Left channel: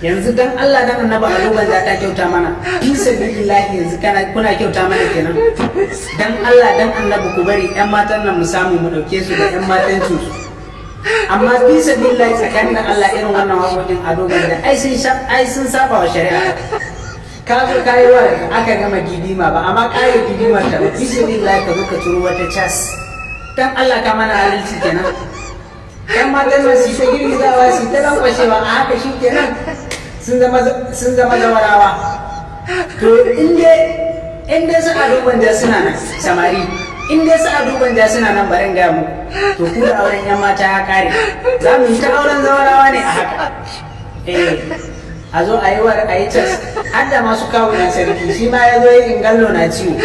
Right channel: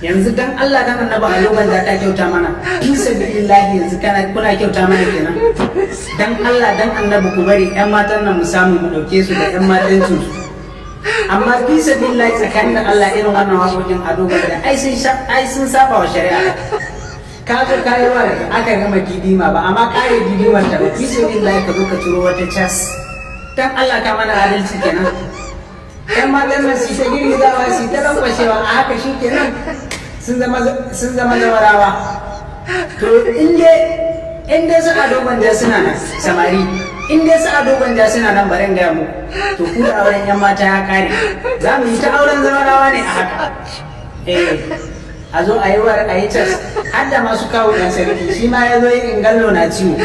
yanzu dan Allah dan annabi aluban da ka kyauta mana fi sabilillahi yanzu kuna kyauta mana kenan dan Allah dan annabi ku bari yan matan nan mu samu mu dauke su da yan matancin su amma fi sabilillahi tsakanin da Allah irin wannan waƙoƙin adoban da ai sun saba wa shari'a ka zo kayi wa aka gama didima ba amma kare didimar ta ba fi sabilillahi ka zo ka turo wata cas dan Allah ka mana adalci kenan yan matan nan su ta girgizawa su ta lankwashewa a haka shi kenan sun zama zawarawa to in dai su ado gwanja suna nan samari in dai su ado gwanja suna nan barin gaya mu to ku da auren yan mata ya kare za mu yi ta auren zawarawa ne a haka a zo a yi cas har da masu kawo ɗan sarki shi ma ya zo yi ingallo na ciwo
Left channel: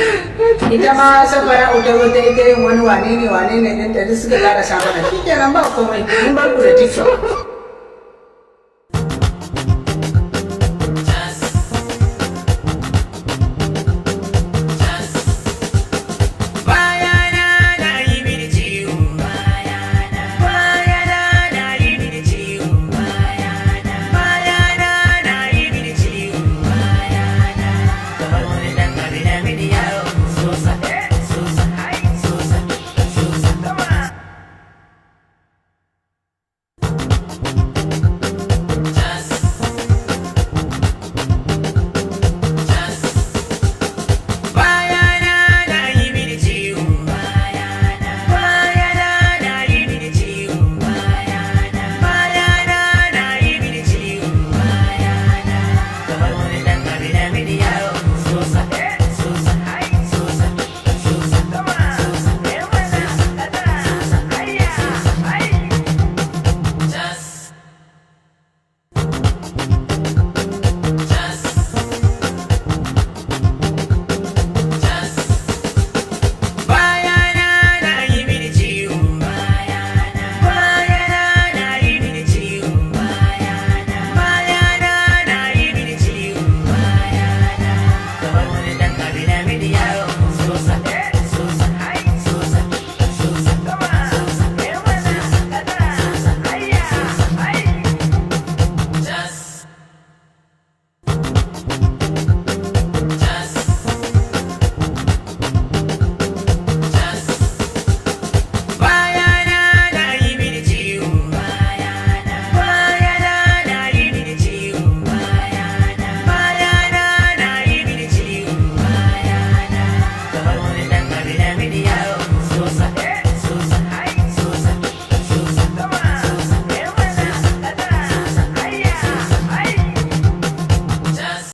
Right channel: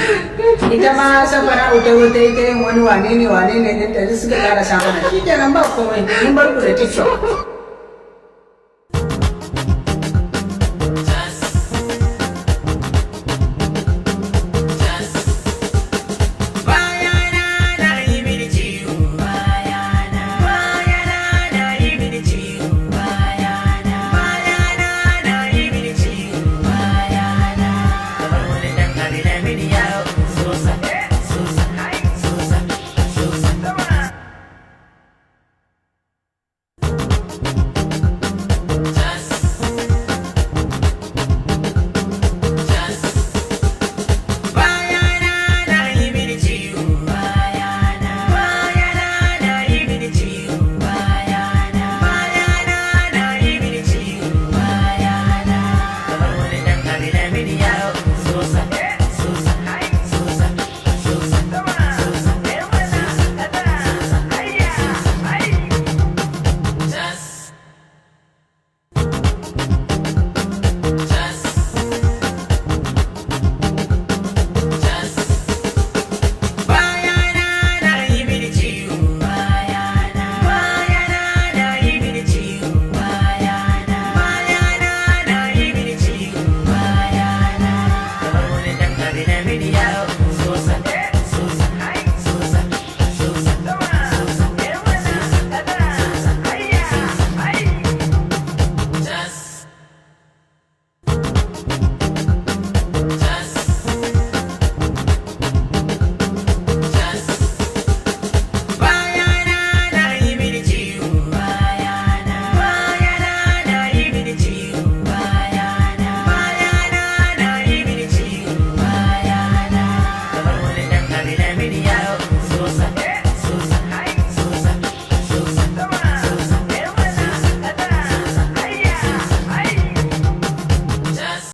ita ma safara ta zo ta yi ta yin wani wane ne ɗinta duk suka ƙara sa mana shi kenan ba komai mun bar ku da tiktok